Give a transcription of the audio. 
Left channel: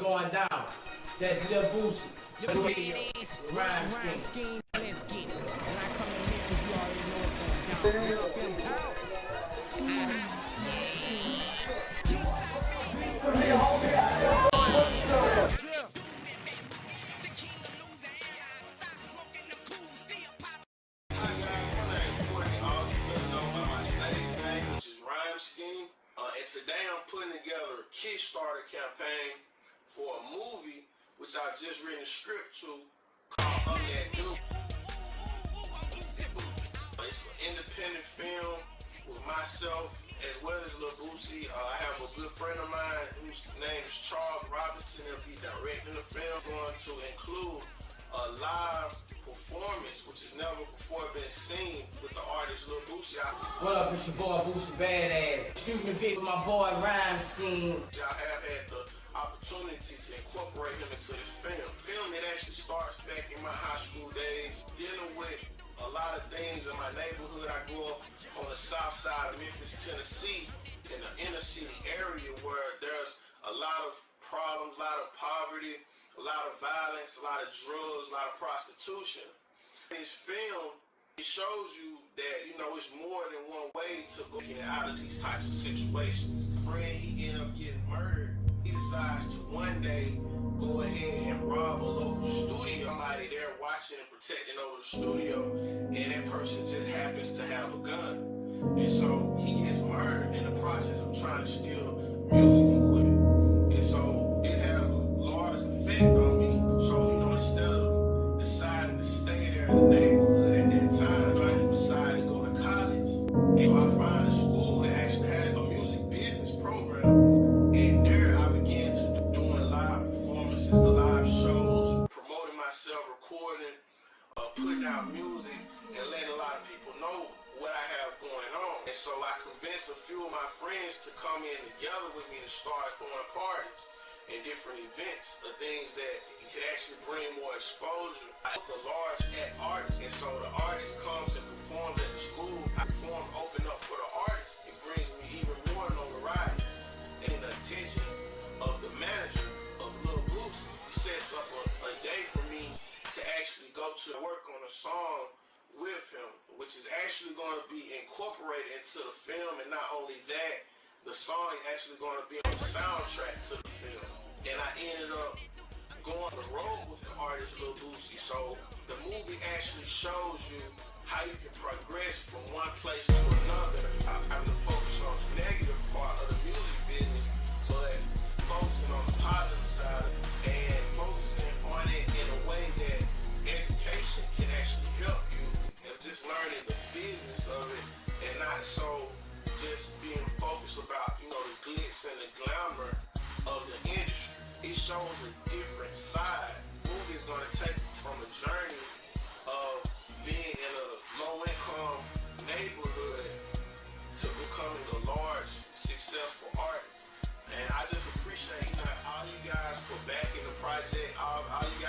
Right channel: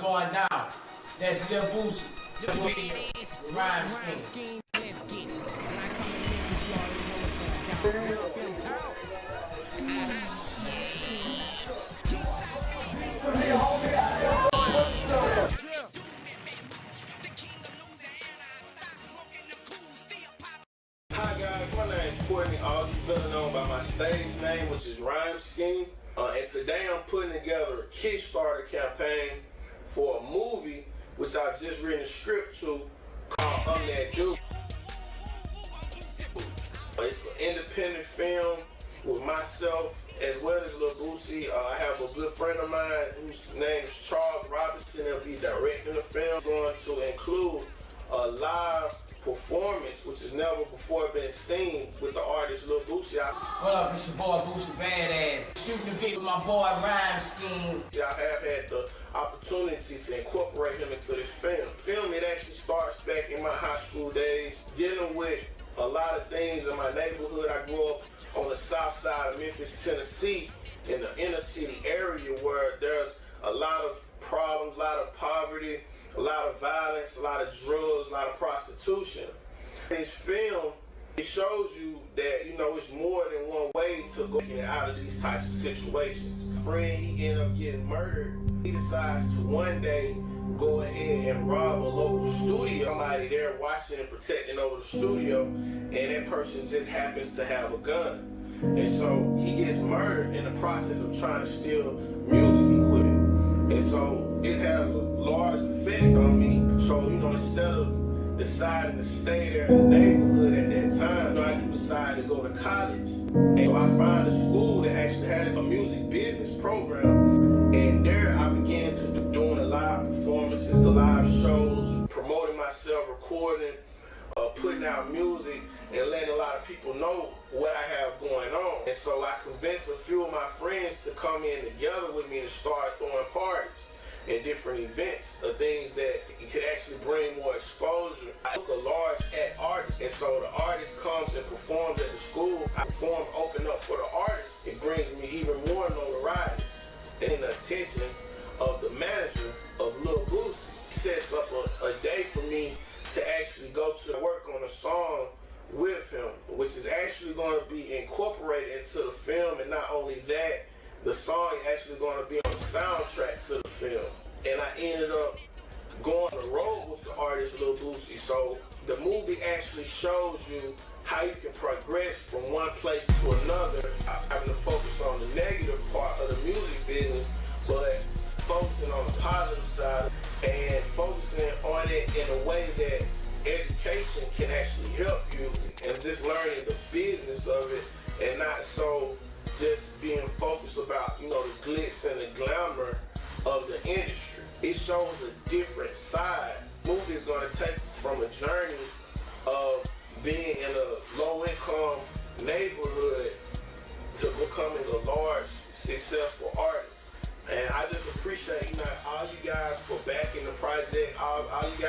Going down. That's Lil Boosie. Look where it is. RI'm SKeem, let's get it. When I come in Memphis, you already know what's going down. Up in town. Hi guys, my name is Courtney. All these better known by my stage name, which is SKeem. And today I'm putting together a Kickstarter campaign for a movie which I just written a script to called That Dude. It's an independent film with myself as well as Lil Boosie. I have a good friend of mine whose name is Charles Robinson. He'll be directing the film. Going to include a live performance which has never before been seen with the artist Lil Boosie. What up, it's your boy Boosie Badass. Shooting the beat with my boy SKeem. I have had the opportunity to incorporate him into this film. The film, it actually starts back in my high school days, dealing with a lot of things in my neighborhood. I grew up on the south side of Memphis, Tennessee, in the inner city area where there's a lot of problems, a lot of poverty, a lot of violence, a lot of drugs, a lot of prostitution. This film, it shows you that, you know, it's more than one way to get out of these types of situations. My friend, he ended up getting murdered. He decides to one day go ahead and rob a local studio. Somebody there watching and protecting over the studio, and that person just happens to have a gun. And so he gets murdered in the process of trying to steal music equipment. And so it has a large effect on me. So, you know, instead of deciding to stay there in the neighborhood at that time, I decided to go to college. And so I found a school that actually has a music business program. And there I began to doing the live performances, the live shows, promoting myself, recording, putting out music, and letting a lot of people know what I have going on. And so I convinced a few of my friends to come in together with me to start throwing parties and different events, things that could actually bring more exposure. I took a large act artist, and so the artist comes and performs at the school. I perform, open up for the artist. It brings me even more notoriety and the attention of the manager of Lil Boosie. He sets up a day for me to actually go to work on a song with him, which is actually going to be incorporated into the film. And not only that, the song is actually going to be on the soundtrack to the film. And I ended up going on the road with the artist Lil Boosie. So the movie actually shows you how you can progress from one place to another. I'm having to focus on the negative part of the music business, but focusing on the positive side and focusing on it in a way that education can actually help you, and just learning the business of it and not so just being focused about, you know, the glitz and the glamour of the industry. It shows a different side. The movie is going to take from a journey of being in a low-income neighborhood to becoming a large, successful artist. And I just appreciate, you know, all you guys for backing the project, all you